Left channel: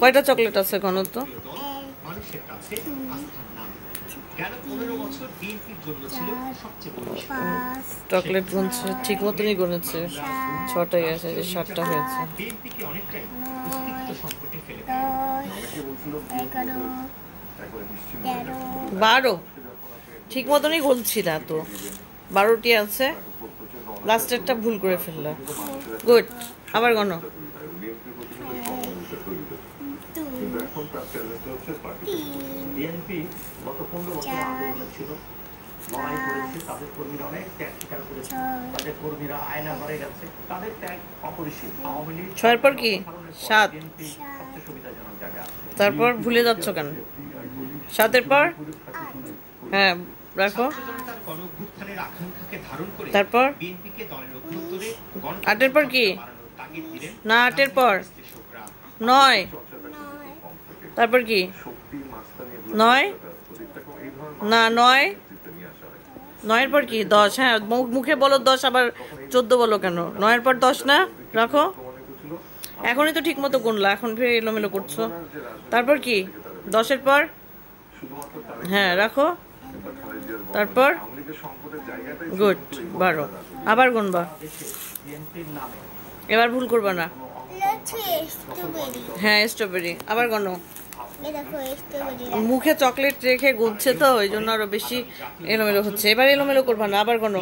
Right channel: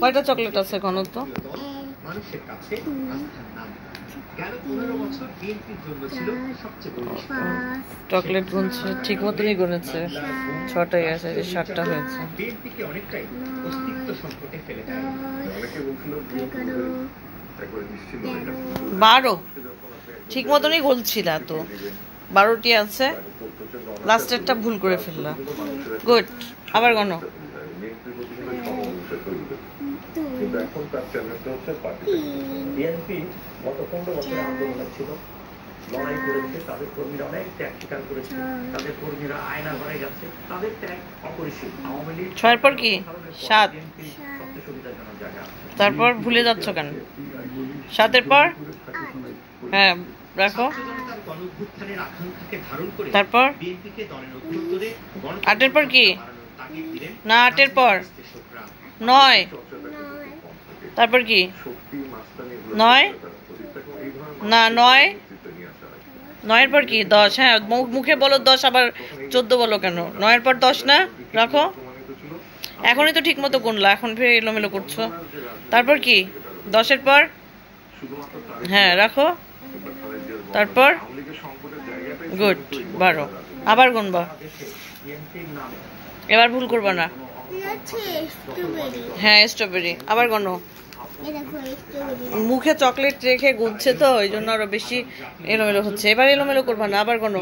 কয়টা চকলেট আছে কোনো তো? চকলেট গুনছে, ঠিক মতনই গুনেছে। 6টাই আছে, যে 7টা হয়েছে। 12 ঠিক মতনই গুনছি না তো। 12টি আছে, লাস্টেরটা ভুল করে ফেললাম। গুড, আবার গণ। ছয়ের পর কি? 7। তারপর ভুলে যাচ্ছ কেন? 7-এর পর? হ্যাঁ, রাখো। তারপর 8-এর পর কি? না, 8-এর পর 9। তারপর কি? 9 না, 9। 9-এর পর কি? 10। হ্যাঁ, মুখে বলো 10, আবার 14 বলো কেন? 9-এর পর 10 না? রাখো। এখনই তো ঠিক মতো গুনলা, এখন ফের এলোমেলো করছো। তারপর কি? 10-এর পর? হ্যাঁ, রাখো। তারপর গুড, 12। আবার গুনবা, এবার ভুল করবা না। হ্যাঁ, স্ট্রবেরি। আবার গনো। মুখে চকলেট রেখে গুনছে তো, ওই জন্য আরো বেশি এলোমেলো হচ্ছে। এবার এলোমেলো করবা না, আবার গনো।